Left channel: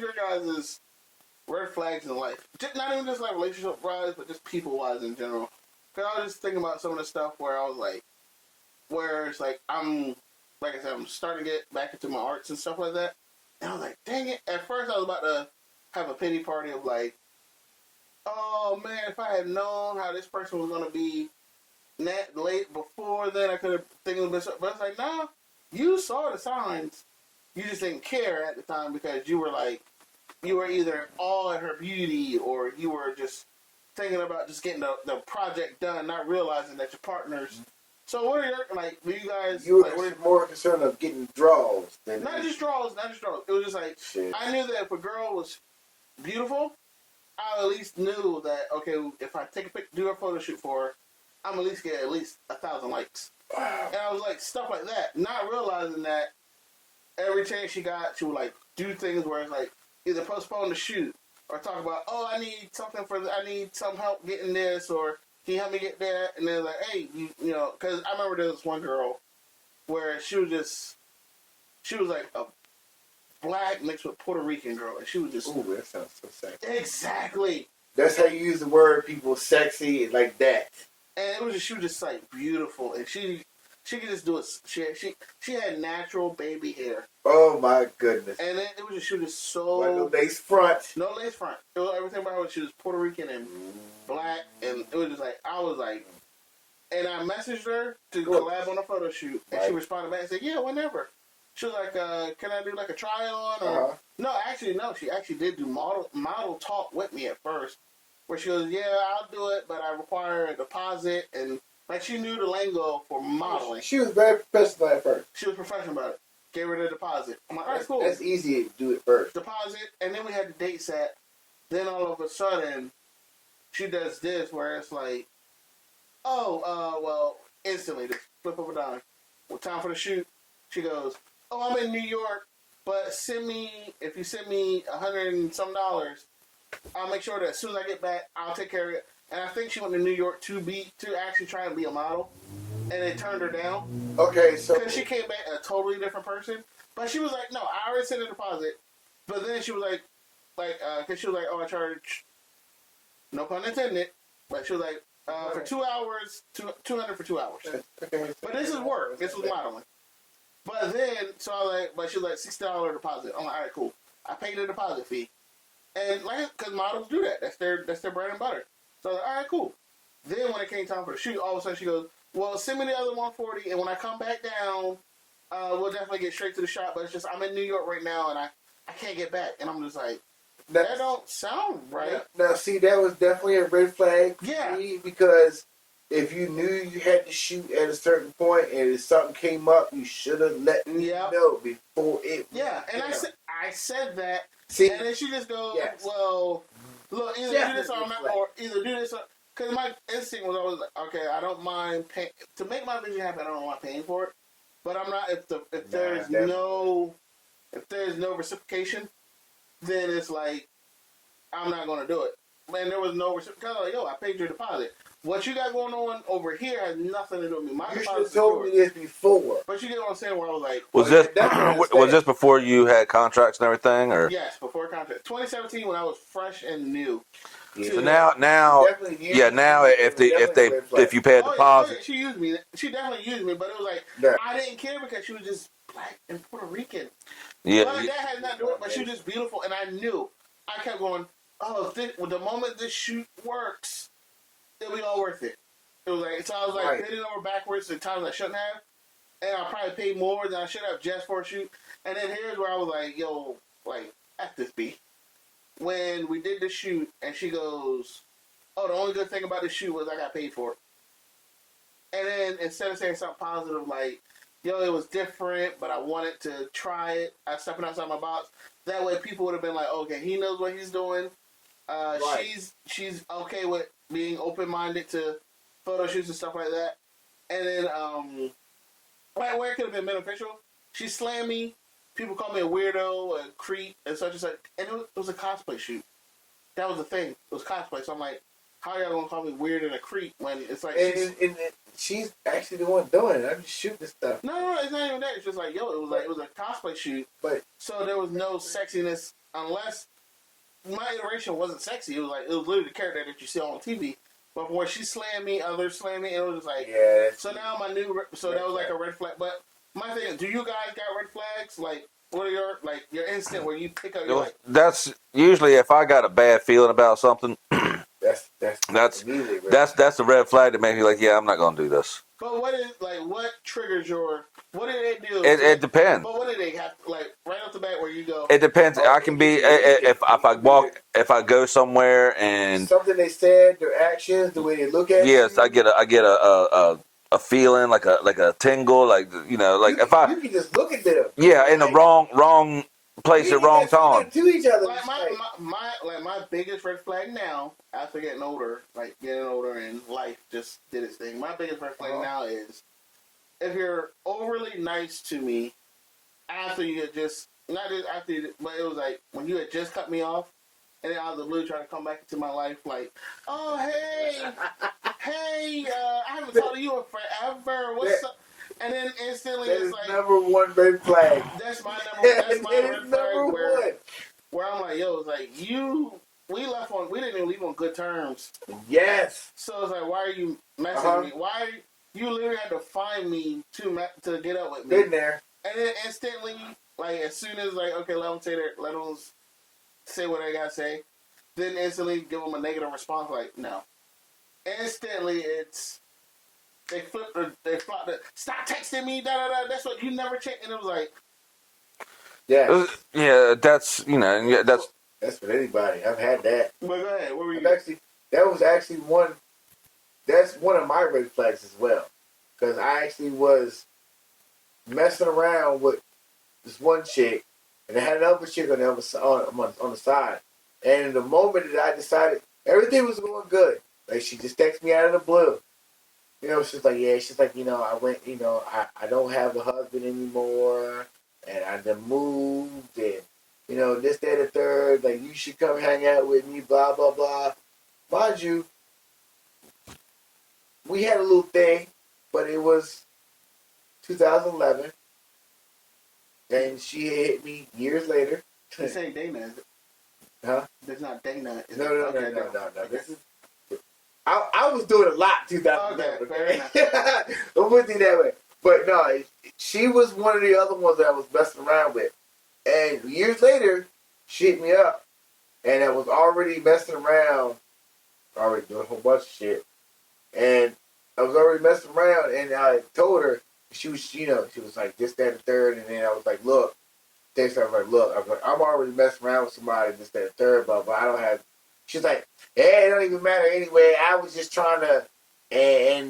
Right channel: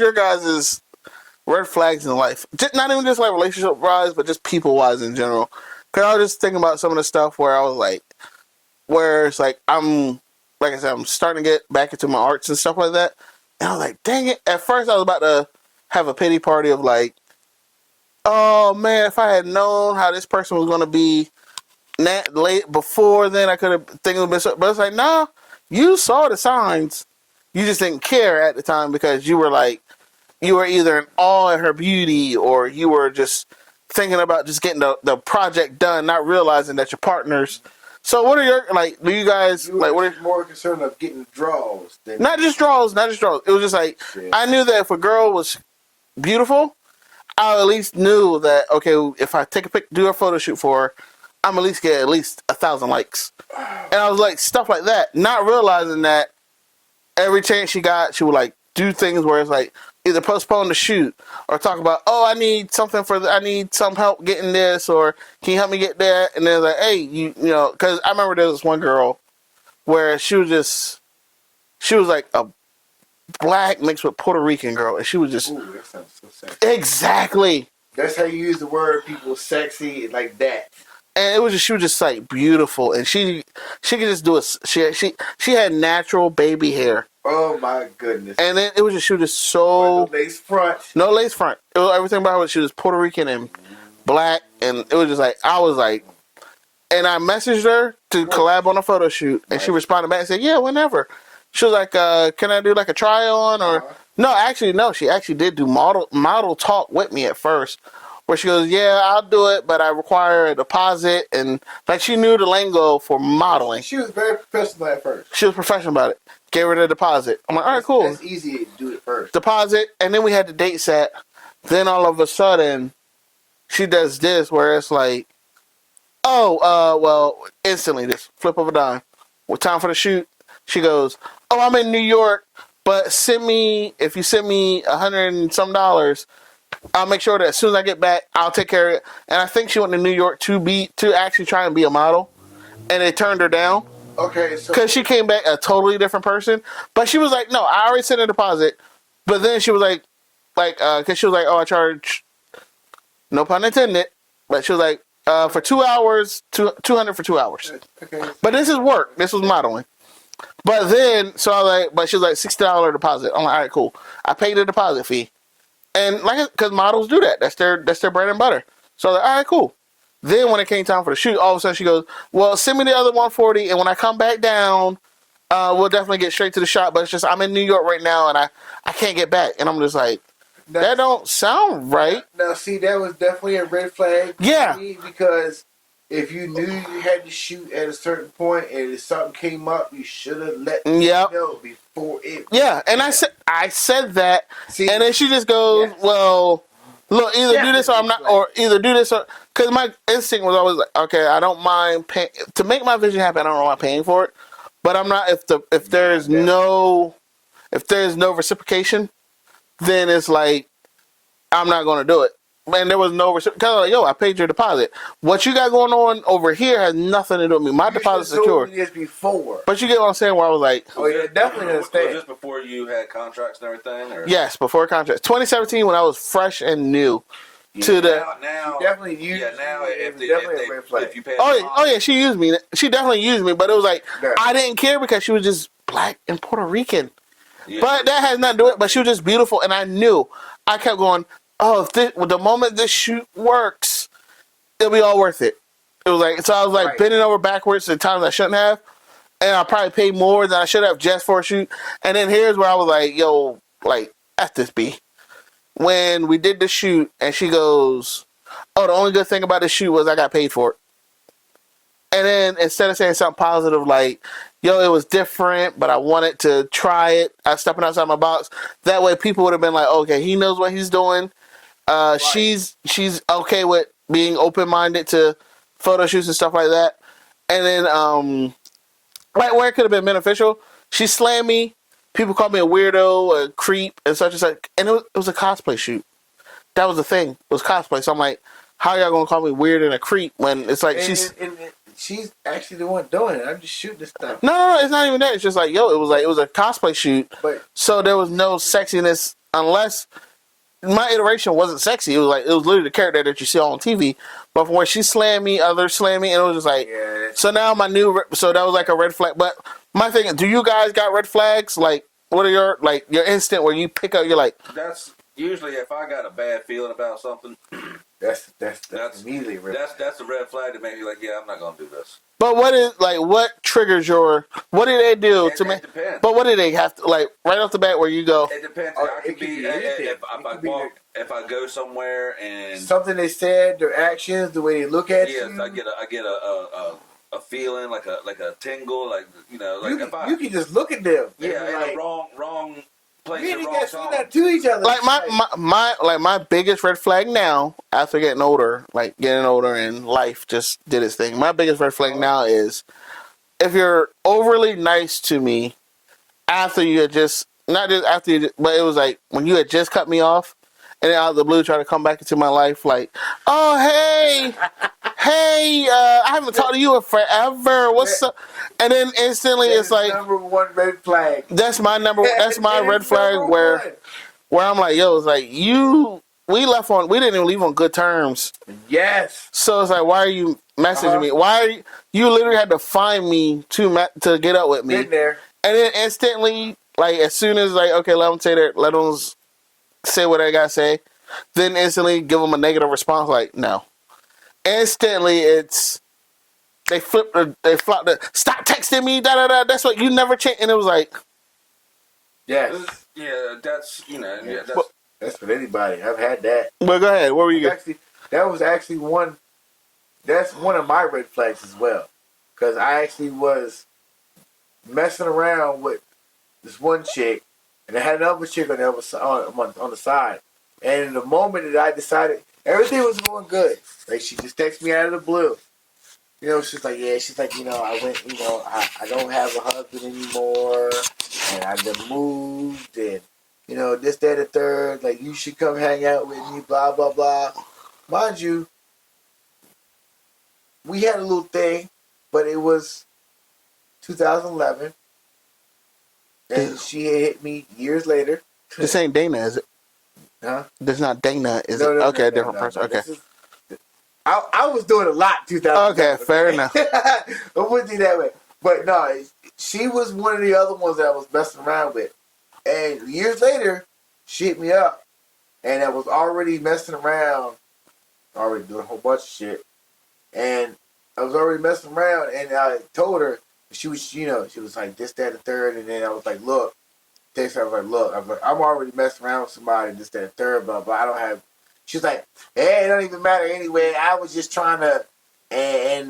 your guys' red flags in life? Not even just like relationship wise, but just people wise in general. Because I was just thinking about some of the stuff where I was like, where it's like like I said, I'm starting to get back into my arts and stuff like that. And I was like, dang it. At first, I was about to have a pity party of like, oh man, if I had known how this person was going to be late before then, I could have think it would been so. But it's like, nah, you saw the signs. You just didn't care at the time because you were like, you were either in awe at her beauty or you were just thinking about just getting the project done, not realizing that your partners. So what are your, like, do you guys, you like, what are more concerned of getting draws than... Not just draws. It was just like, shit. I knew that if a girl was beautiful, I at least knew that, okay, if I take a pic, do a photo shoot for her, I'm at least get at least 1,000 likes. And I was like, stuff like that, not realizing that every chance she got, she would like do things where it's like either postpone the shoot or talk about, oh, I need something I need some help getting this, or can you help me get that? And they're like, hey, you know, because I remember there was one girl where she was like a black mixed with Puerto Rican girl, and she was just... Ooh, that sounds so sexy. Exactly. That's how you use the word, people, sexy, like that. And it was just, she was just like beautiful, and she could just do it. She had natural baby hair. Oh my goodness! And then it was just, she was just so... No lace front. No lace front. It was everything about her. She was Puerto Rican and black, and it was just like, I was like, and I messaged her to collab on a photo shoot, and she responded back and said, yeah, whenever. She was like, can I do like a try on or... No, she actually did do model talk with me at first, where she goes, yeah, I'll do it, but I require a deposit, and like she knew the lingo for modeling. She was very professional at first. She was professional about it. Gave her the deposit. I'm like, all right, cool. That's easy to do it first. Deposit, and then we had the date set. Then all of a sudden, she does this where it's like, well, instantly, this flip of a dime. What time for the shoot? She goes, oh, I'm in New York, but if you send me $100 and some, I'll make sure that as soon as I get back, I'll take care of it. And I think she went to New York to actually try and be a model, and they turned her down. Okay, so because she came back a totally different person. But she was like, no, I already sent a deposit. But then she was like, because she was like, oh, I charge, no pun intended, but she was like, for 2 hours, $200 for 2 hours. Okay. But this is work. This was modeling. But then, so I was like, but she was like, $60 deposit. I'm like, all right, cool. I paid the deposit fee. And like, because models do that. That's their bread and butter. So I was like, all right, cool. Then when it came time for the shoot, all of a sudden she goes, well, send me the other 140, and when I come back down, we'll definitely get straight to the shot. But it's just, I'm in New York right now, and I can't get back. And I'm just like, that don't sound right. Now, see, that was definitely a red flag. Yeah. Because if you knew you had to shoot at a certain point, and if something came up, you should have let me know before it. Yeah, and I said that, see, and then she just goes, well, look, either do this or I'm not, or either do this or... Because my instinct was always like, okay, I don't mind paying to make my vision happen. I don't mind paying for it, but I'm not. If there's no reciprocation, then it's like I'm not going to do it. And there was no reciprocation. Like, yo, I paid your deposit. What you got going on over here has nothing to do with me. My deposit's secure. You told me this before. But you get what I'm saying? Where I was like, was this before you had contracts and everything, or yes, before contracts? 2017, when I was fresh and new. If you pay a deposit. She used me. She definitely used me, but it was like I didn't care because she was just black and Puerto Rican. Yeah, but that has nothing to do with it. But she was just beautiful, and I knew. I kept going, oh, the moment this shoot works, it'll be all worth it. It was like, so I was like bending over backwards at times I shouldn't have, and I probably paid more than I should have just for a shoot. And then here's where I was like, yo, like, F this B. When we did the shoot, and she goes, oh, the only good thing about this shoot was I got paid for it. And then instead of saying something positive like, yo, it was different, but I wanted to try it, I was stepping outside my box, that way people would have been like, okay, he knows what he's doing. She's okay with being open-minded to photo shoots and stuff like that. And then, right where it could have been beneficial, she slammed me. People called me a weirdo, a creep, and such and such. And it was a cosplay shoot. That was the thing. It was cosplay. So I'm like, how y'all gonna call me weird and a creep when it's like she's actually the one doing it. I'm just shooting this stuff. No, it's not even that. It's just like, yo, it was a cosplay shoot. But so there was no sexiness unless my iteration wasn't sexy. It was literally the character that you see on TV. But from when she slammed me, others slammed me, and it was just like, so now so that was like a red flag. But my thing is, do you guys got red flags? Like, what are your instant where you pick up, you're like, that's usually if I got a bad feeling about something. That's a red flag that makes me like, yeah, I'm not gonna do this. But what triggers what do they do? It depends. But what do they have to, right off the bat where you go? It depends. I can be if I go somewhere and something they said, their actions, the way they look at you. Yes, I get a feeling like a tingle, you can just look at them. Yeah, in the wrong place at wrong time. To each other. Like my biggest red flag now, after getting older and life just did its thing. My biggest red flag now is if you're overly nice to me after you had just not just after you, but it was like when you had just cut me off, and then out of the blue try to come back into my life, like, oh hey, I haven't talked to you in forever. What's up? And then instantly it's like number one red flag. That's my red flag where I'm like, yo, it's like we didn't even leave on good terms. Yes. So it's like, why are you messaging me? Why are you literally had to find me to get up with me? Been there. And then instantly, like as soon as okay, let them say what I gotta say, then instantly give them a negative response. Like no, instantly it's. They flop the stop texting me, da da da. That's what you never change. And it was like, yeah, that's that's for anybody. I've had that. But go ahead. What were you? That was actually one. That's one of my red flags as well, because I actually was messing around with this one chick, and I had another chick on the side. And the moment that I decided everything was going good, like she just texted me out of the blue. She's like, I went, I don't have a husband anymore, and I just moved, and, this, that, and the third, like, you should come hang out with me, blah, blah, blah. Mind you, we had a little thing, but it was 2011, and she had hit me years later. This ain't Dana, is it? Huh? This is not Dana, is it? No, okay, no, different person, okay. I was doing a lot 2011. Okay, fair enough. I wouldn't do that way. But no, she was one of the other ones that I was messing around with. And years later, she hit me up. And I was already messing around, already doing a whole bunch of shit. And I was already messing around, and I told her, she was, she was like, this, that, and the third. And then I was like, look, text her, I was like, look, I'm already messing around with somebody, this, that, and the third, but I don't have. She's like, it don't even matter anyway. I was just trying to, and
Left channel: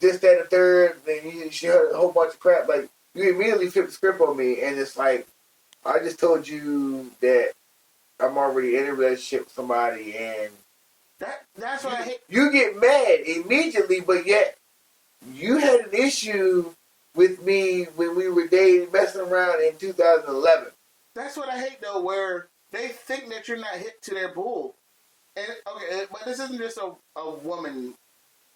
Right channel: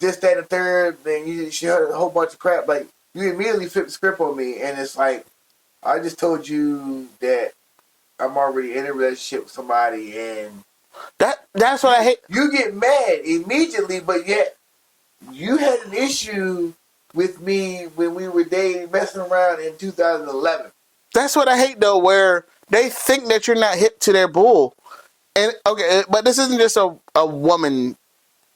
this, that, and the third. Then she heard a whole bunch of crap. Like, you immediately flipped the script on me, and it's like, I just told you that I'm already in a relationship with somebody, and that's what I hate. You get mad immediately, but yet you had an issue with me when we were dating, messing around in 2011. That's what I hate, though, where they think that you're not hip to their bull. And okay, but this isn't just a woman.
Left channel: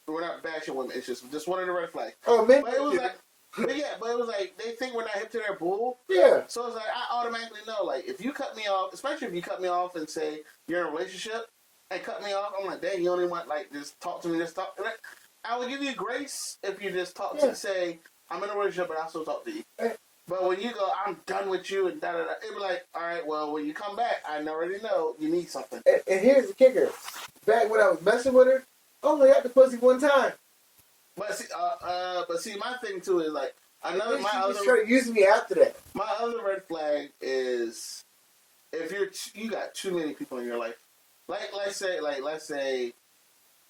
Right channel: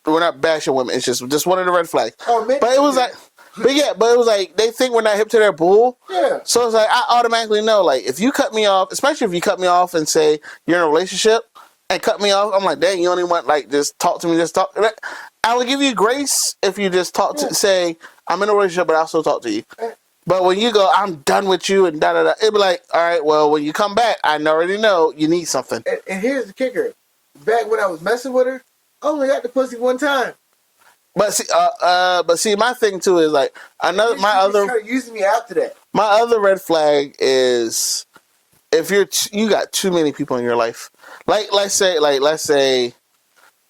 We're not bashing women. It's just one of the red flags. Oh, man. But it was like, but it was like they think we're not hip to their bull. Yeah. So it's like I automatically know, like, if you cut me off, especially if you cut me off and say you're in a relationship and cut me off, I'm like, dang, you only want just talk to me, just talk. I would give you grace if you just talk to say I'm in a relationship, but I'll still talk to you. But when you go, I'm done with you, and da da da, it'd be like, all right, well, when you come back, I already know you need something. And here's the kicker: back when I was messing with her, I only got the pussy one time. But see, my thing too is like started using me after that. My other red flag is if you got too many people in your life. Let's say,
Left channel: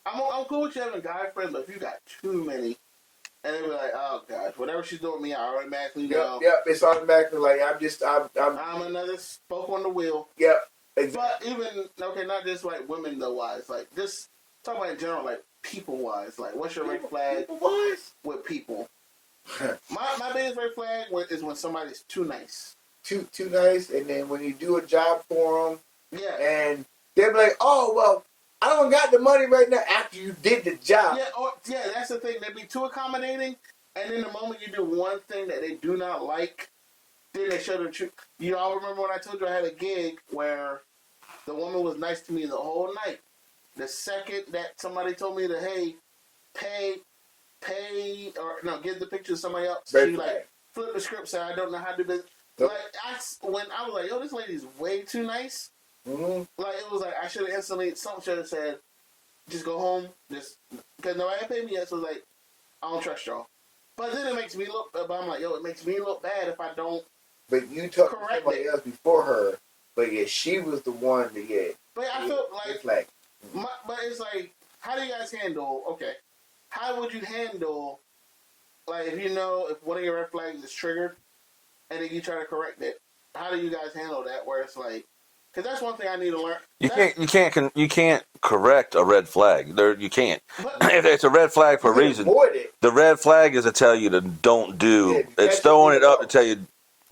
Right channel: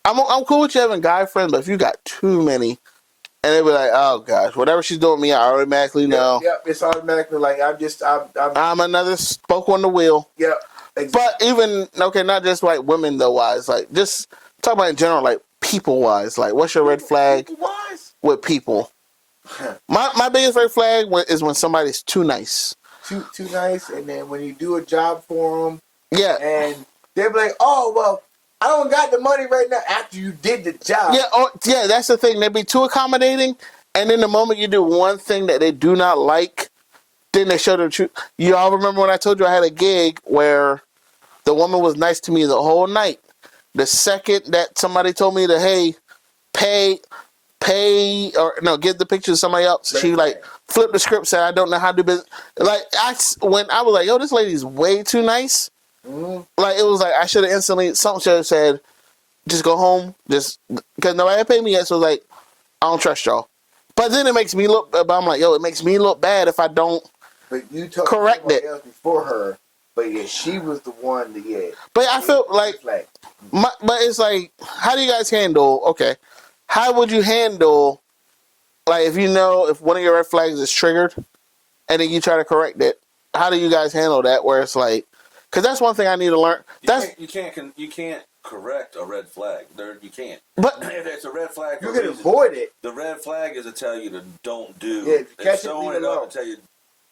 I'm cool with you having guy friends, but if you got too many. And they'd be like, oh gosh, whatever she's doing to me, I automatically know. Yep, it's automatically like I'm another spoke on the wheel. Yep. Exactly. But even not just like women though wise, like just talk about in general, like people wise, like what's your red flag with people? My biggest red flag is when somebody's too nice. Too nice, and then when you do a job for them, and they're like, oh well. I don't got the money right now after you did the job. Yeah, that's the thing. They be too accommodating, and then the moment you do one thing that they do not like, Then they showed the truth. You all remember when I told you I had a gig where the woman was nice to me the whole night. The second that somebody told me to, hey, pay, or no, give the picture to somebody else, she like flipped the script, said, I don't know how to do business. Like, when I was like, yo, this lady's way too nice. Like, it was like, I should have instantly, something should have said, just go home, just, because nobody had paid me yet, so like, I don't trust y'all. But then it makes me look, but I'm like, yo, it makes me look bad if I don't correct it. Else before her, but yeah, she was the one that, yeah. But I feel like, but it's like, how do you guys handle, okay, how would you handle, like, if you know, if one of your red flags is triggered, and then you try to correct it, how do you guys handle that, where it's like, because that's one thing I need to learn. You can't correct a red flag. You can't. But if it's a red flag for a reason. The red flag is to tell you to don't do. Yeah, it's throwing it up to tell you,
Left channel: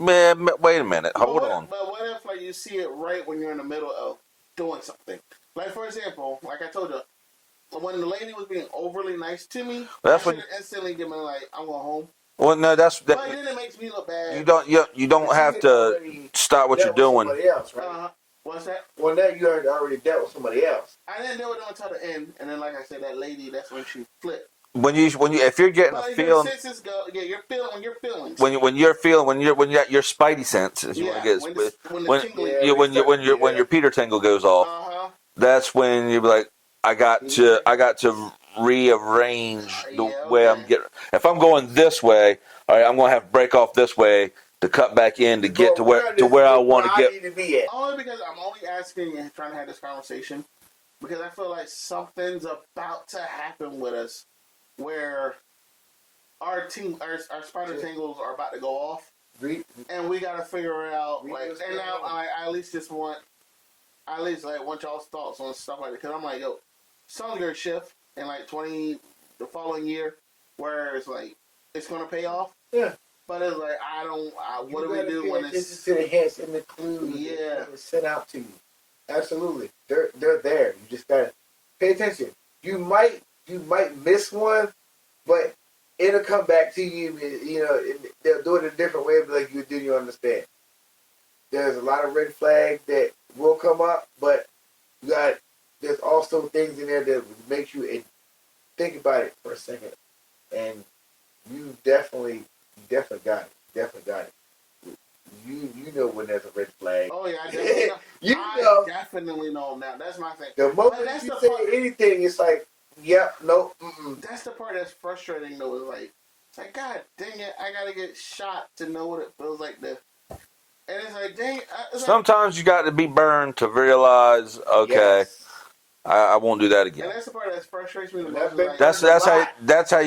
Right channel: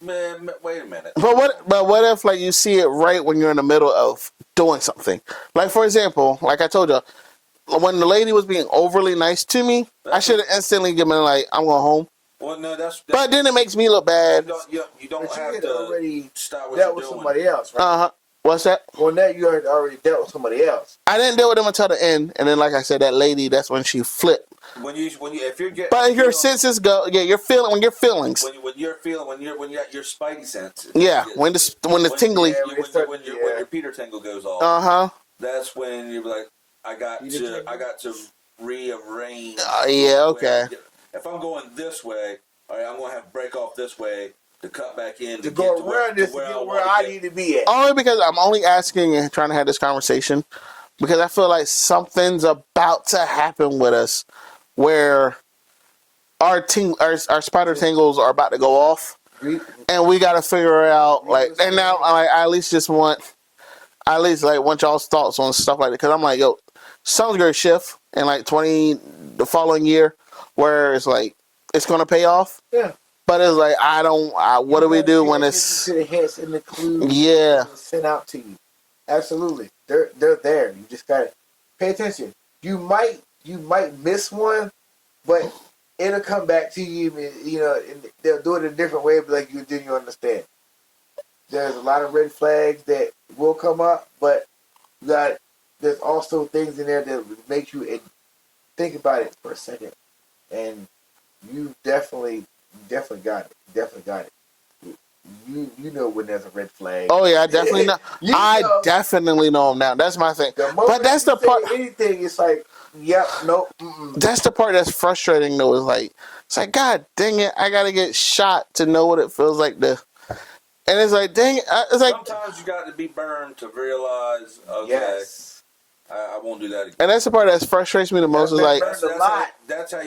man, wait a minute. But what if like you see it right when you're in the middle of doing something? Like, for example, like I told you, when the lady was being overly nice to me, I should have instantly given like, I'm going home. Well, no, but then it makes me look bad. You don't have to stop what you're doing. Somebody else, right? What's that? Well, that you already dealt with somebody else. I didn't deal with them until the end, and then, like I said, that lady, that's when she flipped. If you're getting, but if your senses go, yeah, you're feeling when your feelings, when your spidey senses, yeah, when the tingly, when your Peter tingle goes off, that's when you be like, I got to rearrange. If I'm going this way, all right, I'm going to have to break off this way to cut back in to get to where I want to get. Only because I'm only asking and trying to have this conversation because I feel like something's about to happen with us where our spider tingles are about to go off, and we got to figure out like. And now I at least want y'all's thoughts on stuff like that because I'm like, yo, something's gonna shift in like the following year where it's like it's gonna pay off. Yeah. But it's like what do we do when it's to the hints and the clues? Yeah. Sent out to you. Absolutely, they're there. You just gotta pay attention. You might miss one, but it'll come back to you. You know, they'll do it in a different way, but like you understand. There's a lot of red flags that will come up, but there's also things in there that make you think about it for a second, and you definitely got it. Definitely got it. You know when there's a red flag. Oh yeah, I definitely know. I definitely know them now. That's my thing. But that's the part. Anything, it's like, yep, no. Mm-mm. That's the part that's frustrating though. Is like, it's like, God dang it, I gotta get shot to know what it feels like to. And it's like, dang it. It's like, sometimes you got to be burned to realize, okay, yes. I won't do that again. And that's the part that frustrates me the most. Is like that's how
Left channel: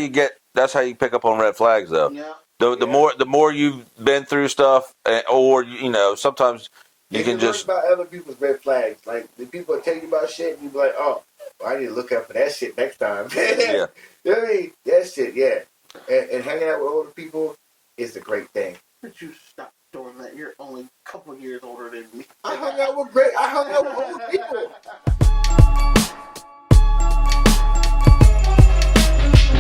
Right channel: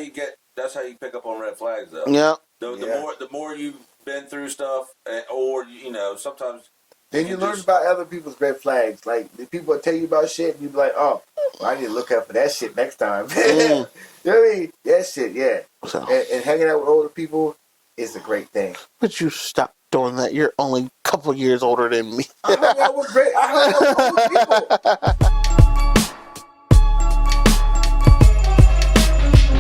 you pick up on red flags though. Yeah. The more you've been through stuff, or sometimes you can learn just about other people's red flags. Like the people tell you about shit, and you be like, oh, well, I need to look out for that shit next time. Yeah. You know what I mean? That shit, yeah. So. And hanging out with older people is a great thing. But you stop doing that. You're only a couple years older than me. I hung out with older people.